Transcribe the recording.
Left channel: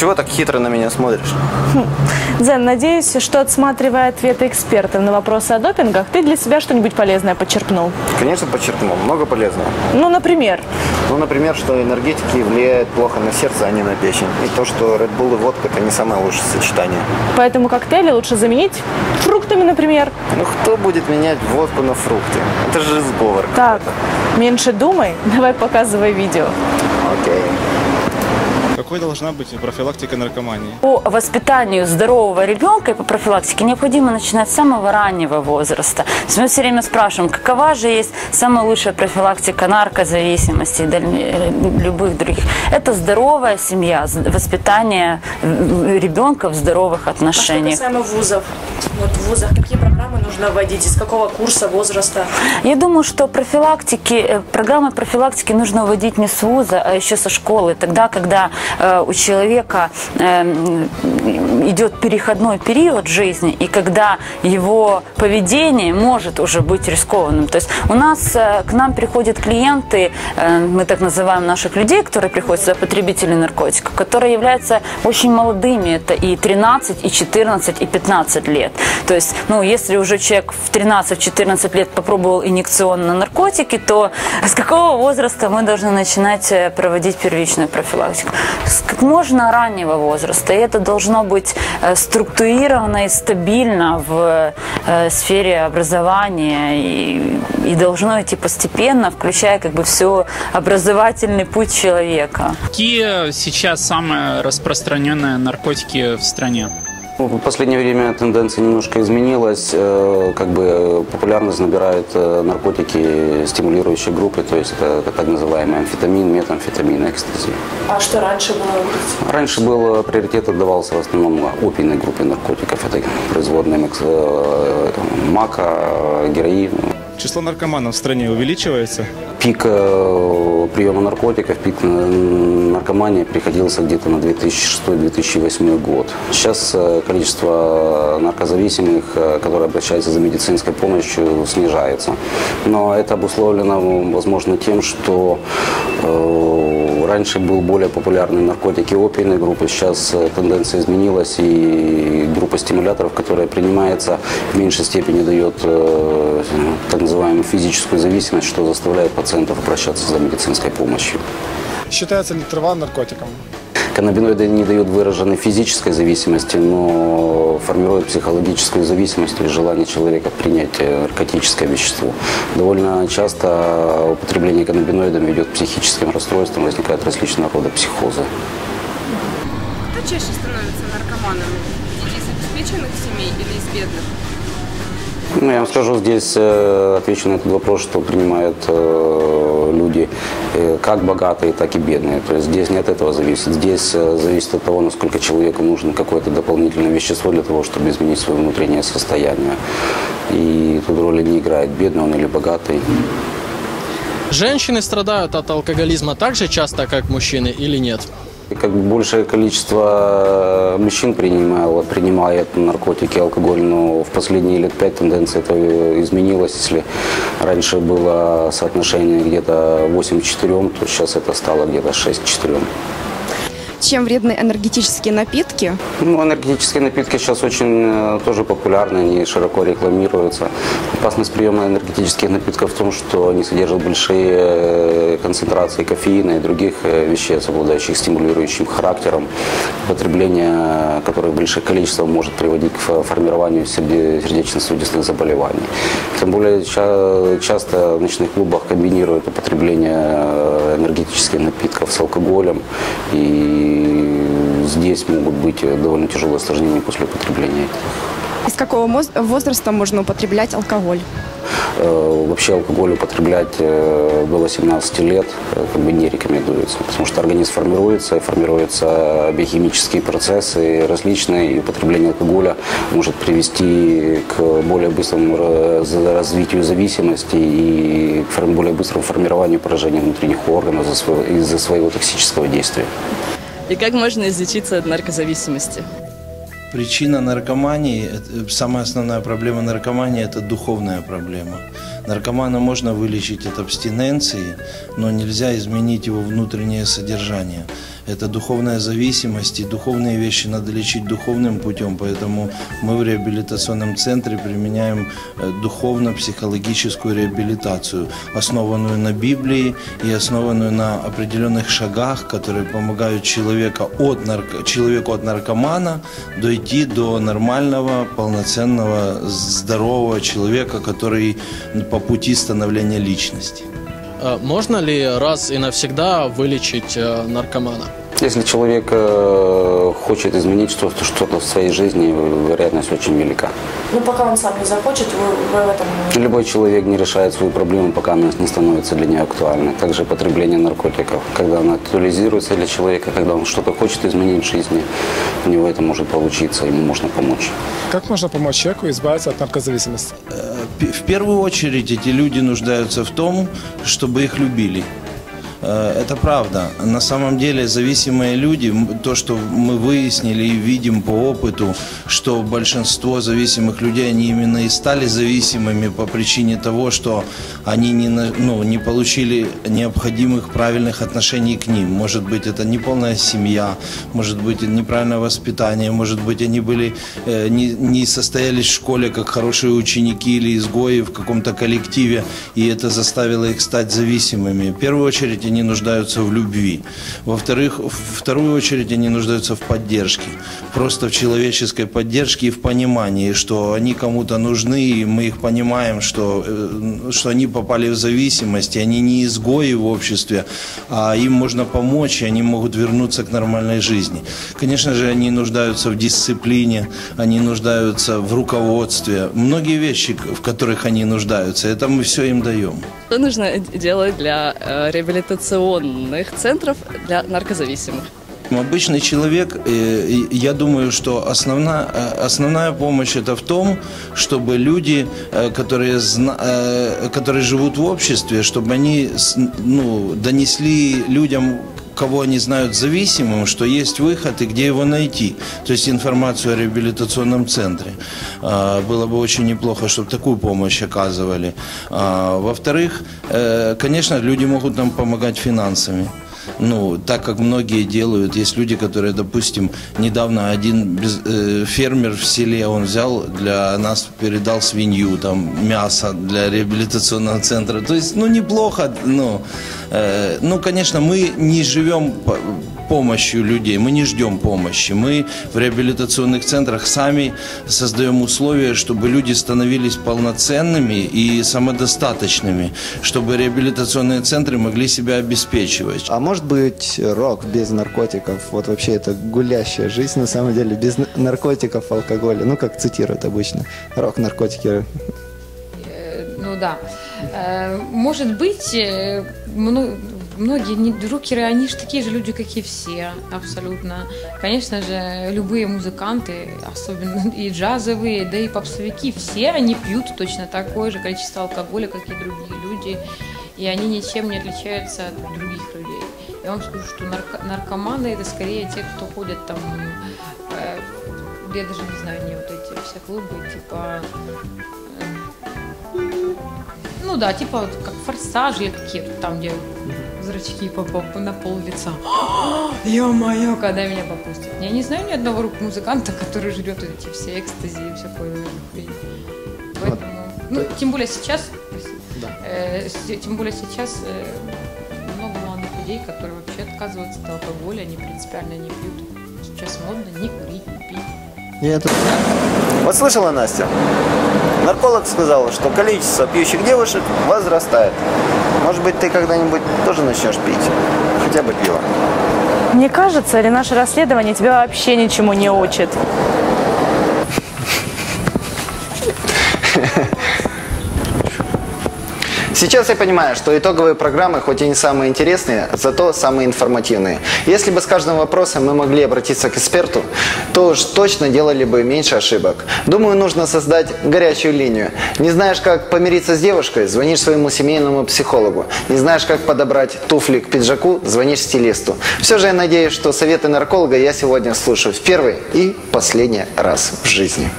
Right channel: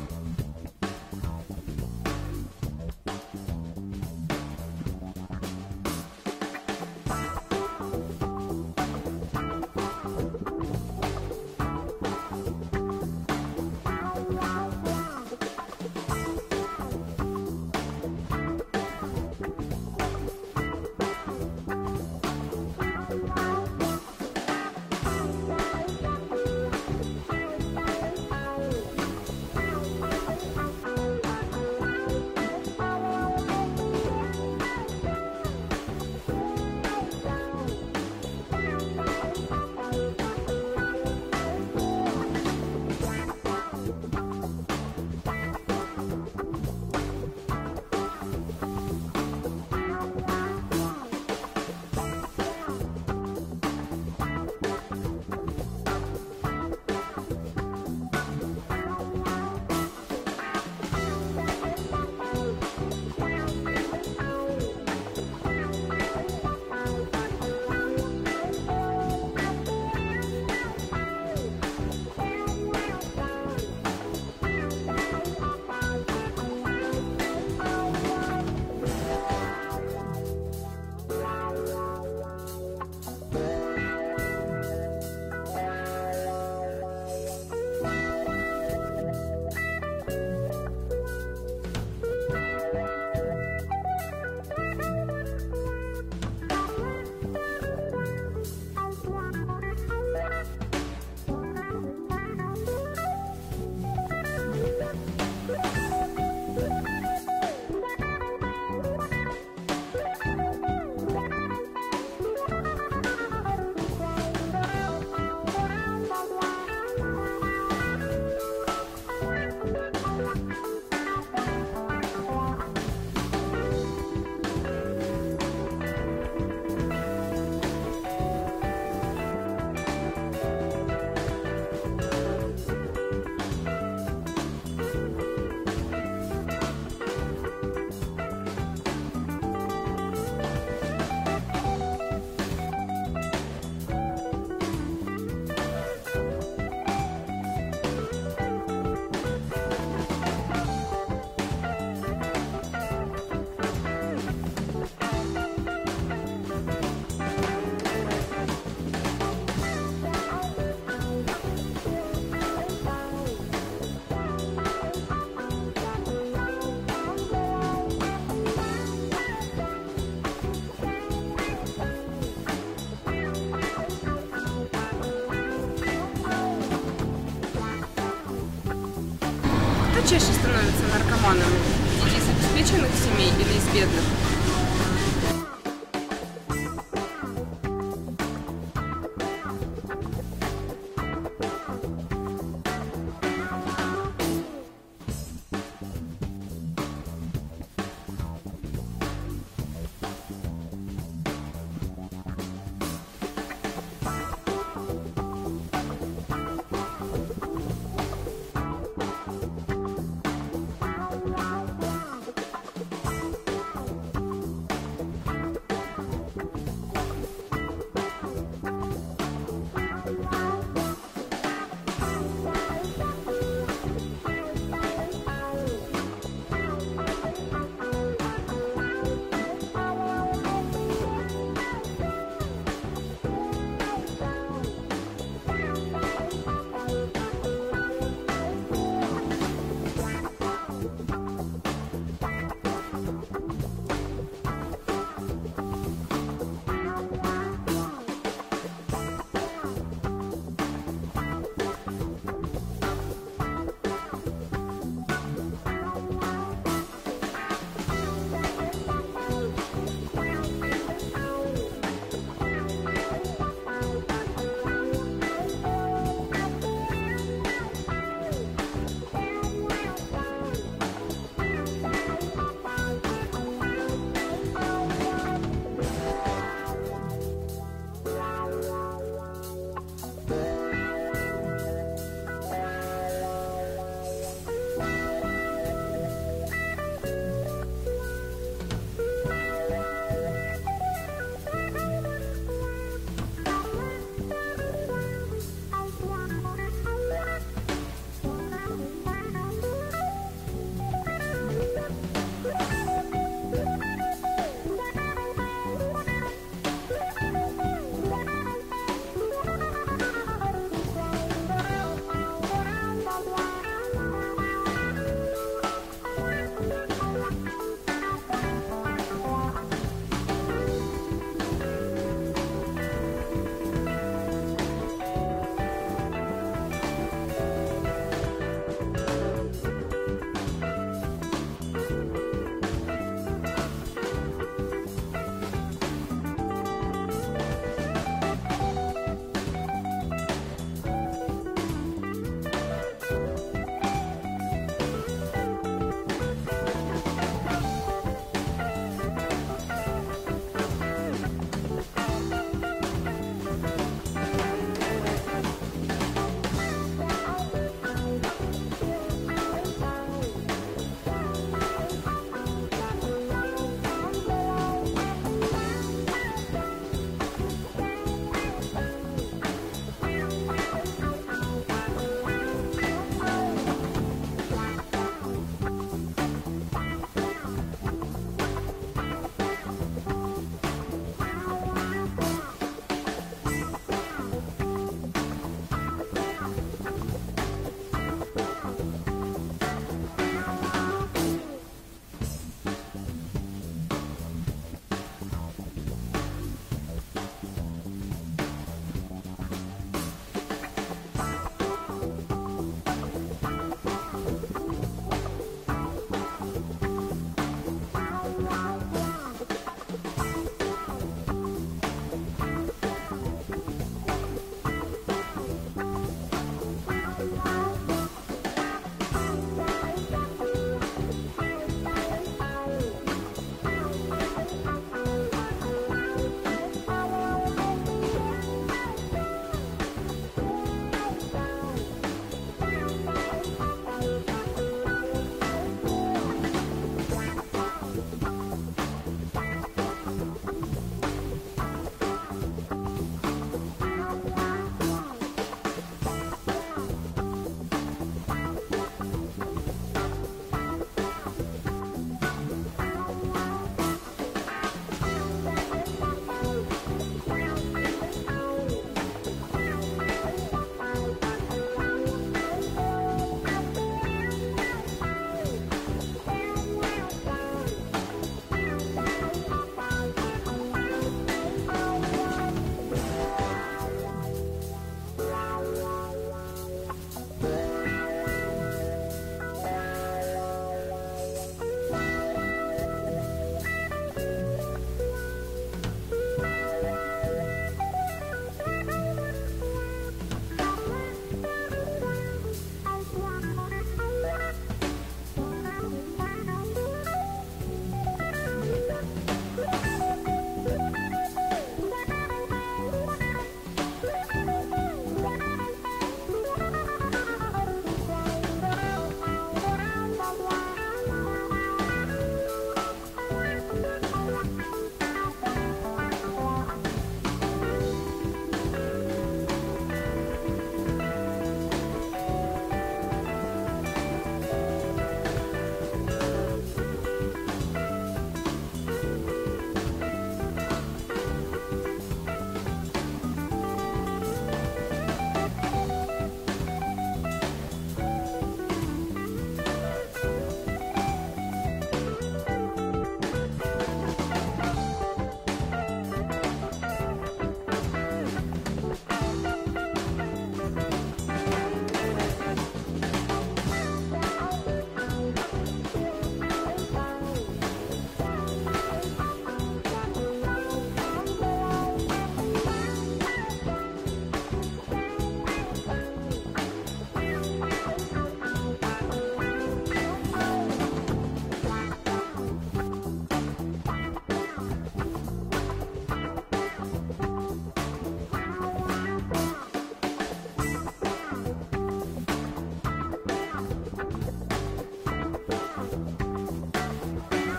Чего так хитро на меня смотришь? Дзен, надеюсь, что отсматривая ответы экспертов на вопросы о допингах, ты для себя что-нибудь полезное подчеркнул. Конечно, подчеркнул. Много полезного. Ну, например, Ну, например, что энергетики влияют плохо на сердце, а не на печень. И то, что Red Bull и водка – это не самое лучшее сочетание. поэтому коктейли лучше заменить фруктами, например. Ну, кто будет менять водку на фрукты? Это же сговор. Так, меньше думай, давай показывай видео. Окей. Какой должна быть профилактика наркомании? По воспитанию здорового ребенка и по профилактике необходимо начинать с самого раннего возраста. То есть мы все время спрашиваем, какова же есть самая лучшая профилактика наркозависимости и э, любых других. Это здоровая семья, воспитание э, ребенка в здоровых отношениях. касаемо вузов, вот в вузах какие программы нужно вводить, из какого курса, возраста? Я думаю, что профилактики, э, программы профилактики нужно вводить не с вуза, а еще со школы. Тогда, когда у человека э, м, идет переходной период жизни, и когда его поведение может уже быть рискованным. То есть у нас э, к нам приходят клиенты, э, мы так называем наших людей, которые приходят сюда, потребители наркотиков, которые являются очень молодыми. Это и 13, и 14, и 15 лет. То есть, ну, если уже человек в 13-14 лет попробовал инъекционные наркотики, то с какого возраста мы должны начинать э, проводить первичную профилактику? С как можно раннего возраста. И это должно быть э, структурировано и стабильно в э, сфере образования и, и должно идти постепенно, включая как бы все образовательный путь человека. Какие сейчас самые распространенные наркотики в стране? В последнее время тенденция немножко изменилась. Э, Как бы популярность набирают э, наркотики стимулирующие группы, то есть это так называемый амфетамин, метамфетамин, экстази. А что раньше было? Раньше был приоритет отдавался в основном опийной группе наркотиков. Это производные э, мака, героин. Число наркоманов в стране увеличивается? Пик э, приема наркотиков, пик наркомании приходился где-то на 2006-2008 год. Сейчас э, количество наркозависимых, э, которые обращаются за медицинской помощью, снижается. Но это обусловлено, возможно, тем, что раньше был более популярны наркотики опийной группы, сейчас тенденция изменилась, и группа стимуляторов, которая принимается, в меньшей степени дает называемую физическую зависимость, что заставляет пациентов обращаться за медицинской помощью. Считается ли трава наркотиком? Каннабиноиды не дают выраженной физической зависимости, но формируют психологическую зависимость или желание человека принять э, наркотическое вещество. Довольно часто употребление каннабиноидов ведет к психическим расстройствам, возникают различного рода психозы. Кто чаще становится наркоманами? Дети из обеспеченных семей или из бедных? Ну, я вам скажу, здесь э, отвечу на этот вопрос, что принимают э, люди э, как богатые, так и бедные. То есть здесь не от этого зависит. Здесь зависит от того, насколько человеку нужно какое-то дополнительное вещество для того, чтобы изменить свое внутреннее состояние. И тут роли не играет, бедный он или богатый. Женщины страдают от алкоголизма так же часто, как мужчины или нет? Как бы большее количество мужчин принимало, принимает наркотики, алкоголь, но в последние лет пять тенденция это изменилась. Если раньше было соотношение где-то 8 к 4, то сейчас это стало где-то 6 к 4. Чем вредны энергетические напитки? Ну, энергетические напитки сейчас очень э, тоже популярны, они широко рекламируются. Опасность приема энергетических напитков в том, что они содержат большие э, концентрации кофеина и других э, веществ, обладающих стимулирующим характером. Потребление которых в больших количествах может приводить к фо- формированию серде- сердечно-сосудистых заболеваний. Тем более ча- часто в ночных клубах комбинируют употребление энергетических напитков с алкоголем. И здесь могут быть э, довольно тяжелые осложнения после употребления. Из какого возраста можно употреблять алкоголь? Э, Вообще алкоголь употреблять э, до 18 лет э, как бы не рекомендуется, потому что организм формируется, и формируются биохимические процессы различные, и употребление алкоголя может привести к более быстрому раз- развитию зависимости и к более быстрому формированию поражения внутренних органов из-за своего токсического действия. И как можно излечиться от наркозависимости? Причина наркомании, это- самая основная проблема наркомании – это духовная проблема. Наркомана можно вылечить от абстиненции, но нельзя изменить его внутреннее содержание. Это духовная зависимость, и духовные вещи надо лечить духовным путем, поэтому мы в реабилитационном центре применяем э, духовно-психологическую реабилитацию, основанную на Библии и основанную на определенных шагах, которые помогают человека от нарко... человеку от наркомана дойти до нормального, полноценного, здорового человека, который по пути становления личности. Э, Можно ли раз и навсегда вылечить э, наркомана? Если человек э, хочет изменить что-то, что-то в своей жизни, вероятность очень велика. Ну, пока он сам не захочет, вы, вы в этом... Любой человек не решает свою проблему, пока она не становится для нее актуальной. Также потребление наркотиков. Когда она актуализируется для человека, когда он что-то хочет изменить в жизни, у него это может получиться, ему можно помочь. Как можно помочь человеку избавиться от наркозависимости? П- В первую очередь эти люди нуждаются в том, чтобы их любили. Э, Это правда. На самом деле зависимые люди, то, что мы выяснили и видим по опыту, что большинство зависимых людей, они именно и стали зависимыми по причине того, что они не, ну, не получили необходимых правильных отношений к ним. Может быть, это неполная семья, может быть, неправильное воспитание, может быть, они были, э, не, не состоялись в школе как хорошие ученики или изгои в каком-то коллективе, и это заставило их стать зависимыми. В первую очередь они нуждаются в любви. Во-вторых, в вторую очередь они нуждаются в поддержке. Просто в человеческой поддержке и в понимании, что они кому-то нужны, и мы их понимаем, что, э, что они попали в зависимость, и они не изгои в обществе, а им можно помочь, и они могут вернуться к нормальной жизни. Конечно же, они нуждаются в дисциплине, они нуждаются в руководстве. Многие вещи, в которых они нуждаются, это мы все им даем. Что нужно делать для э, реабилитационных центров для наркозависимых? Обычный человек, э, я думаю, что основная, э, основная помощь это в том, чтобы люди, э, которые, которые живут в обществе, чтобы они ну, донесли людям, кого они знают зависимым, что есть выход и где его найти. То есть информацию о реабилитационном центре. А, Было бы очень неплохо, чтобы такую помощь оказывали. А, Во-вторых, э, конечно, люди могут нам помогать финансами. Ну, так как многие делают, есть люди, которые, допустим, недавно один э, фермер в селе, он взял для нас, передал свинью, там, мясо для реабилитационного центра. То есть, ну, неплохо, ну, э, ну, конечно, мы не живем по- помощью людей, мы не ждем помощи. Мы в реабилитационных центрах сами создаем условия, чтобы люди становились полноценными и самодостаточными, чтобы реабилитационные центры могли себя обеспечивать. А может быть рок без наркотиков? Вот вообще это гулящая жизнь на самом деле, без наркотиков, алкоголя. Ну, как цитируют обычно. Рок, наркотики. Ну да. Э, Может быть, э, многие рокеры, они же такие же люди, как и все, абсолютно. Конечно же, любые музыканты, особенно и джазовые, да и попсовики, все они пьют точно такое же количество алкоголя, как и другие люди, и они ничем не отличаются от других людей. Я вам скажу, что нарко- наркоманы это скорее те, кто ходят там, э, я даже да, типа как форсажи такие, там, где зрачки по, по- на пол лица. Ё-моё, когда меня попустят. Я не знаю ни одного рок-музыканта, который жрет эти все экстази и. Поэтому, Ну, тем более сейчас, э, тем более сейчас э, много молодых людей, которые вообще отказываются от алкоголя, они принципиально не пьют. Сейчас модно не пить. Вот слышала, Настя? Нарколог сказал, что количество пьющих девушек возрастает. Может быть, ты когда-нибудь тоже начнешь пить? Хотя бы пиво. Мне кажется, или наше расследование тебя вообще ничему не учит? Сейчас я понимаю, что итоговые программы, хоть и не самые интересные, зато самые информативные. Если бы с каждым вопросом мы могли обратиться к эксперту, то уж точно делали бы меньше ошибок. Думаю, нужно создать горячую линию. Не знаешь, как помириться с девушкой, звонишь своему семейному психологу. Не знаешь, как подобрать туфли к пиджаку, звонишь стилисту. Все же я надеюсь, что советы нарколога я сегодня слушаю в первый и последний раз в жизни.